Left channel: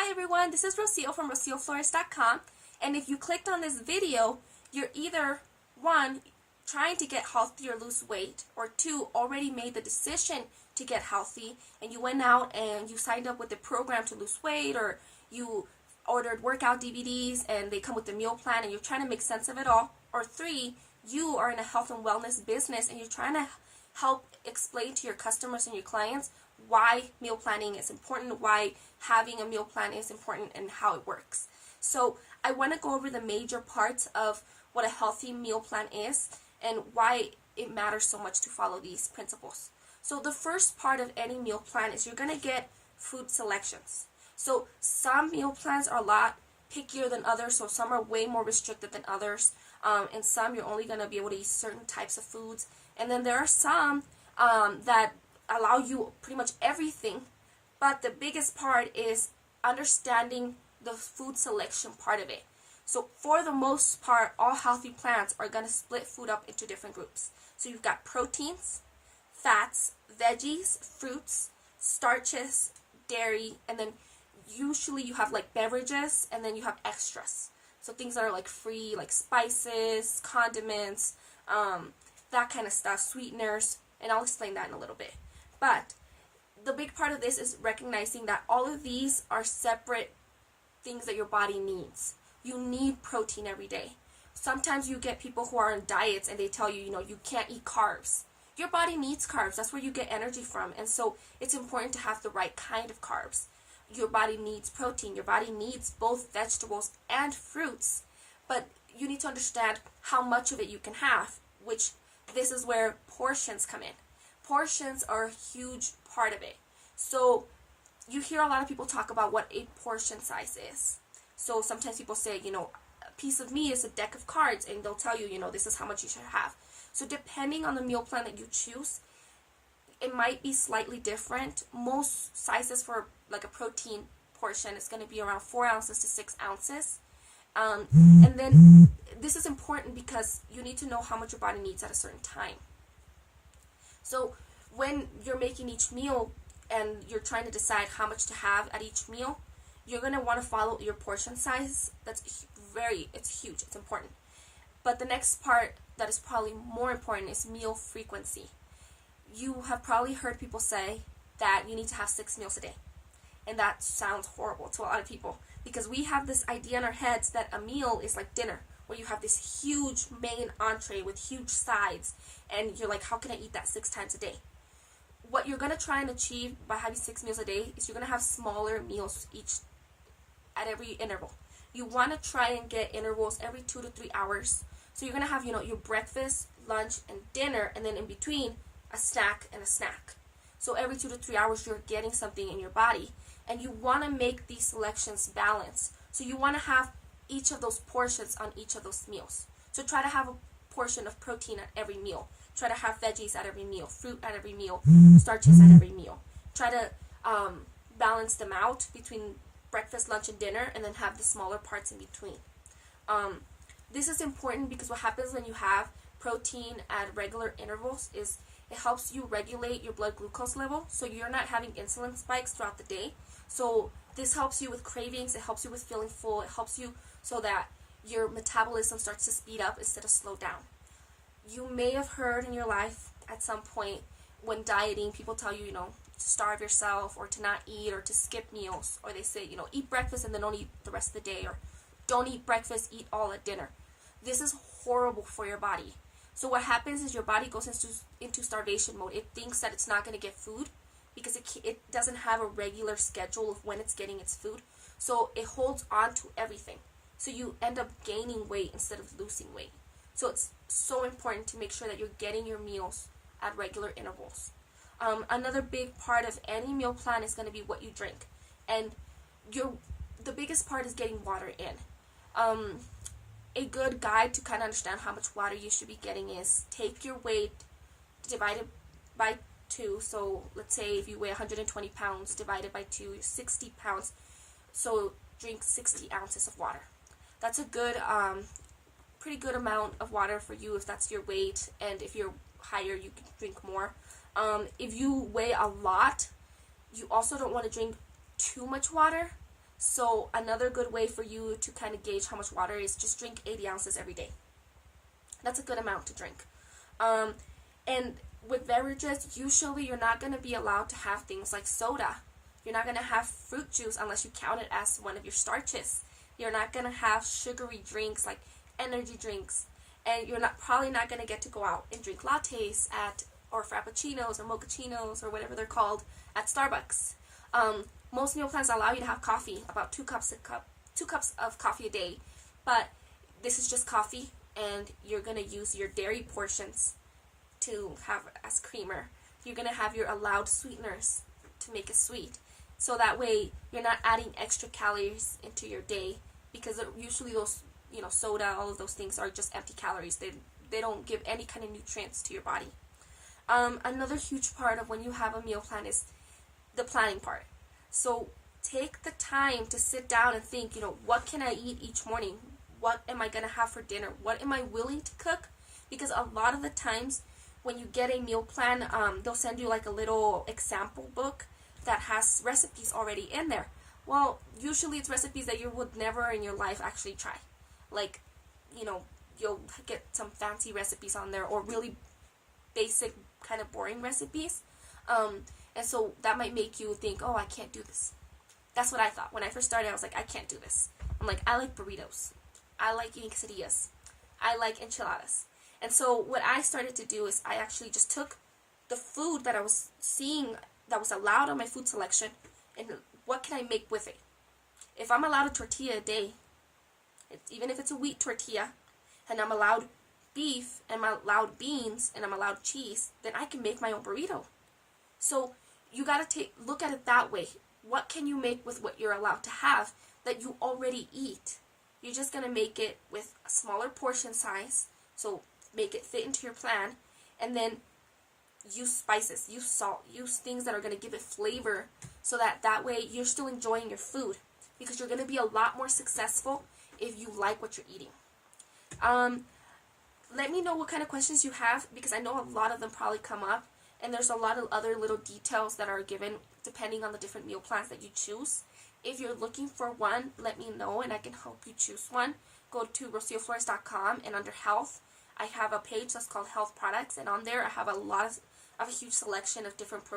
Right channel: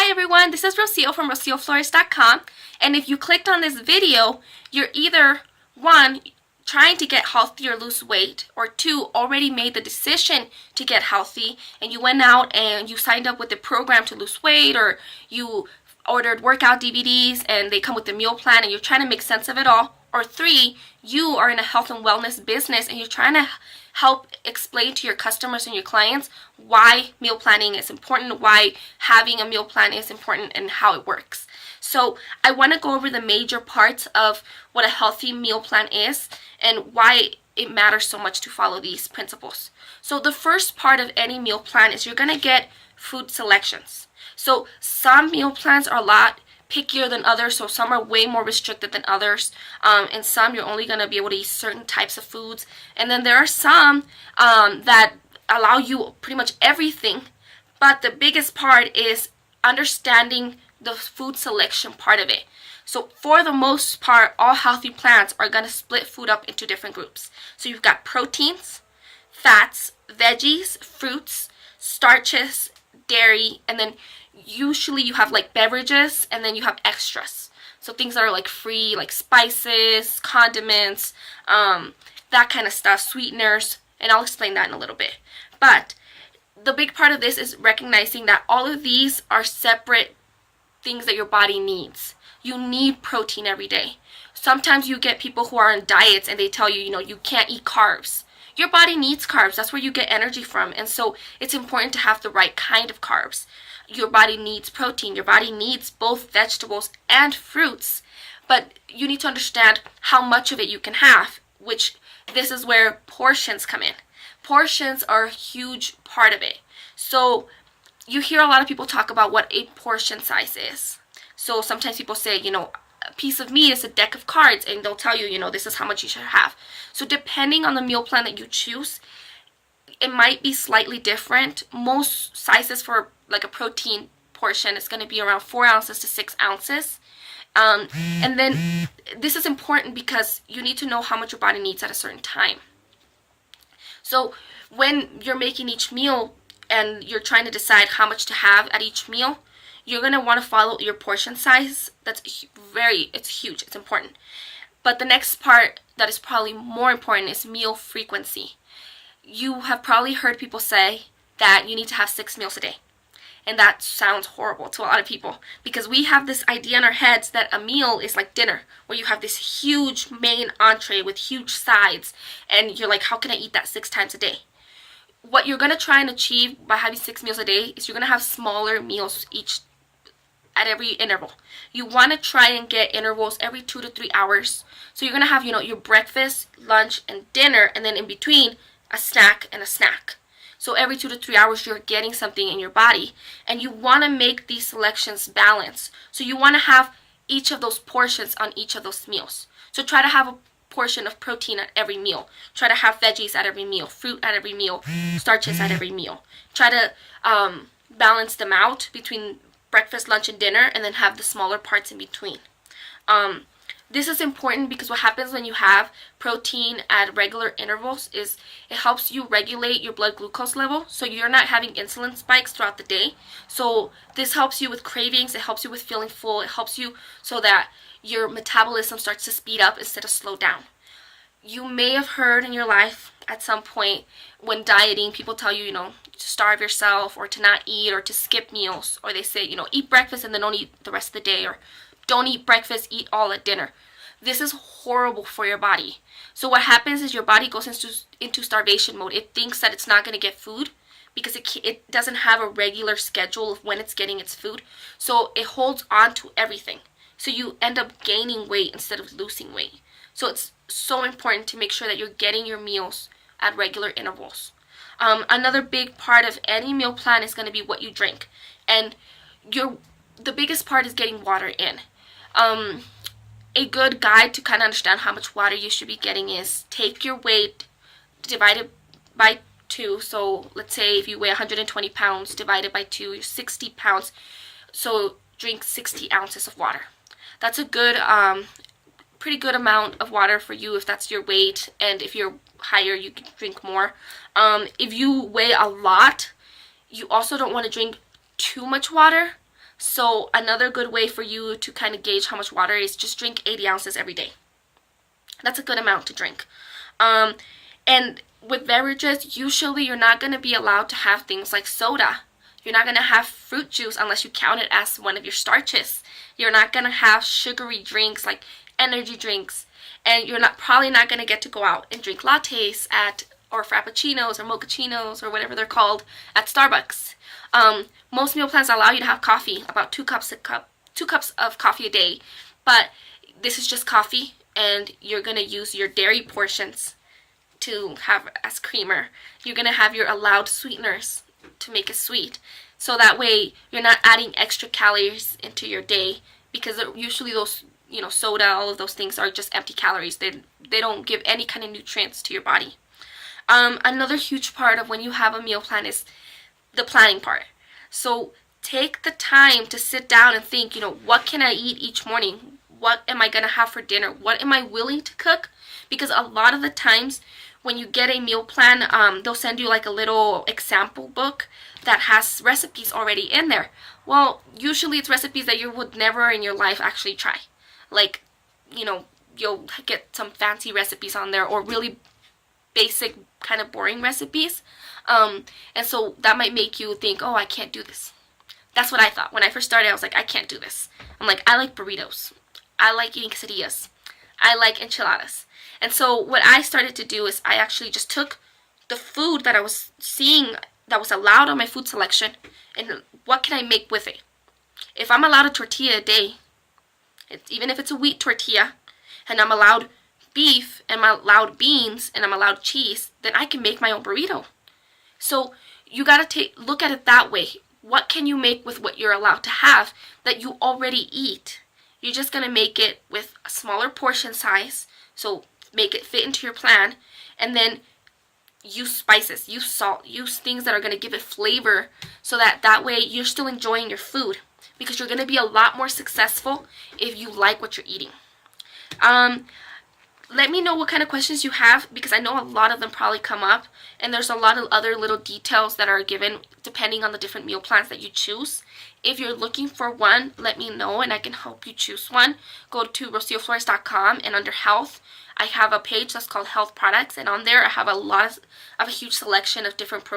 Hi everyone, this is Rocio from rocioflores.com, and if you clicked on this video, you're either 1, trying to get healthy or lose weight, or 2, already made the decision to get healthy and you went out and you signed up with the program to lose weight, or you ordered workout DVDs and they come with the meal plan and you're trying to make sense of it all, or 3, you are in a health and wellness business and you're trying to help explain to your customers and your clients why meal planning is important, why having a meal plan is important, and how it works. So I want to go over the major parts of what a healthy meal plan is and why it matters so much to follow these principles. So the first part of any meal plan is you're going to get food selections. So some meal plans are a lot pickier than others, so some are way more restricted than others, and some you're only going to be able to eat certain types of foods, and then there are some that allow you pretty much everything. But the biggest part is understanding the food selection part of it. So for the most part, all healthy plans are going to split food up into different groups. So you've got proteins, fats, veggies, fruits, starches, dairy, and then usually you have like beverages, and then you have extras. So things that are like free, like spices, condiments, that kind of stuff, sweeteners, and I'll explain that in a little bit. But the big part of this is recognizing that all of these are separate things that your body needs. You need protein every day. Sometimes you get people who are on diets and they tell you, you can't eat carbs. Your body needs carbs. That's where you get energy from. And so it's important to have the right kind of carbs. Your body needs protein. Your body needs both vegetables and fruits. But you need to understand how much of it you can have, which this is where portions come in. Portions are a huge part of it. So you hear a lot of people talk about what a portion size is. So sometimes people say, a piece of meat is a deck of cards, and they'll tell you, this is how much you should have. So depending on the meal plan that you choose, it might be slightly different. Most sizes for like a protein portion is going to be around 4 ounces to 6 ounces. And then this is important because you need to know how much your body needs at a certain time. So when you're making each meal and you're trying to decide how much to have at each meal, you're going to want to follow your portion size. It's huge, it's important. But the next part that is probably more important is meal frequency. You have probably heard people say that you need to have 6 meals a day. And that sounds horrible to a lot of people because we have this idea in our heads that a meal is like dinner, where you have this huge main entree with huge sides, and you're like, how can I eat that 6 times a day? What you're going to try and achieve by having 6 meals a day is you're going to have smaller meals at every interval. You want to try and get intervals every 2 to 3 hours. So you're going to have, your breakfast, lunch, and dinner, and then in between, a snack and a snack. So every 2 to 3 hours, you're getting something in your body. And you want to make these selections balanced. So you want to have each of those portions on each of those meals. So try to have a portion of protein at every meal. Try to have veggies at every meal, fruit at every meal, starches at every meal. Try to balance them out between breakfast, lunch, and dinner, and then have the smaller parts in between. This is important because what happens when you have protein at regular intervals is it helps you regulate your blood glucose level, so you're not having insulin spikes throughout the day. So this helps you with cravings, it helps you with feeling full, it helps you so that your metabolism starts to speed up instead of slow down. You may have heard in your life at some point when dieting, people tell you, to starve yourself or to not eat or to skip meals, or they say, eat breakfast and then don't eat the rest of the day, or don't eat breakfast, eat all at dinner. This is horrible for your body. So what happens is your body goes into starvation mode. It thinks that it's not going to get food because it doesn't have a regular schedule of when it's getting its food. So it holds on to everything. So you end up gaining weight instead of losing weight. So it's so important to make sure that you're getting your meals at regular intervals. Another big part of any meal plan is going to be what you drink. And the biggest part is getting water in. A good guide to kind of understand how much water you should be getting is take your weight divided by 2. So let's say if you weigh 120 pounds divided by 2, you're 60 pounds. So drink 60 ounces of water. That's a good, pretty good amount of water for you if that's your weight. And if you're higher, you can drink more. If you weigh a lot, you also don't want to drink too much water So another good way for you to kind of gauge how much water is just drink 80 ounces every day. That's a good amount to drink. And with beverages, usually you're not going to be allowed to have things like soda. You're not going to have fruit juice unless you count it as one of your starches. You're not going to have sugary drinks like energy drinks. And you're probably not going to get to go out and drink lattes or frappuccinos or mochachinos or whatever they're called at Starbucks. Most meal plans allow you to have coffee, about 2 cups of coffee a day. But this is just coffee, and you're going to use your dairy portions to have as creamer. You're going to have your allowed sweeteners to make it sweet. So that way you're not adding extra calories into your day, because usually those, soda, all of those things are just empty calories. They don't give any kind of nutrients to your body. Another huge part of when you have a meal plan is the planning part. So take the time to sit down and think, what can I eat each morning? What am I going to have for dinner? What am I willing to cook? Because a lot of the times when you get a meal plan, they'll send you like a little example book that has recipes already in there. Well, usually it's recipes that you would never in your life actually try. Like, you'll get some fancy recipes on there, or really basic, kind of boring recipes. And so that might make you think, oh, I can't do this. That's what I thought. When I first started, I was like, I can't do this. I'm like, I like burritos. I like eating quesadillas. I like enchiladas. And so what I started to do is I actually just took the food that I was seeing that was allowed on my food selection, and what can I make with it? If I'm allowed a tortilla a day, even if it's a wheat tortilla, and I'm allowed beef, and I'm allowed beans, and I'm allowed cheese, then I can make my own burrito. So you got to look at it that way. What can you make with what you're allowed to have that you already eat? You're just going to make it with a smaller portion size, so make it fit into your plan, and then use spices, use salt, use things that are going to give it flavor, so that way you're still enjoying your food, because you're going to be a lot more successful if you like what you're eating. Let me know what kind of questions you have, because I know a lot of them probably come up, and there's a lot of other little details that are given depending on the different meal plans that you choose. If you're looking for one, let me know and I can help you choose one. Go to rocioflores.com, and under health, I have a page that's called health products, and on there I have a huge selection of different programs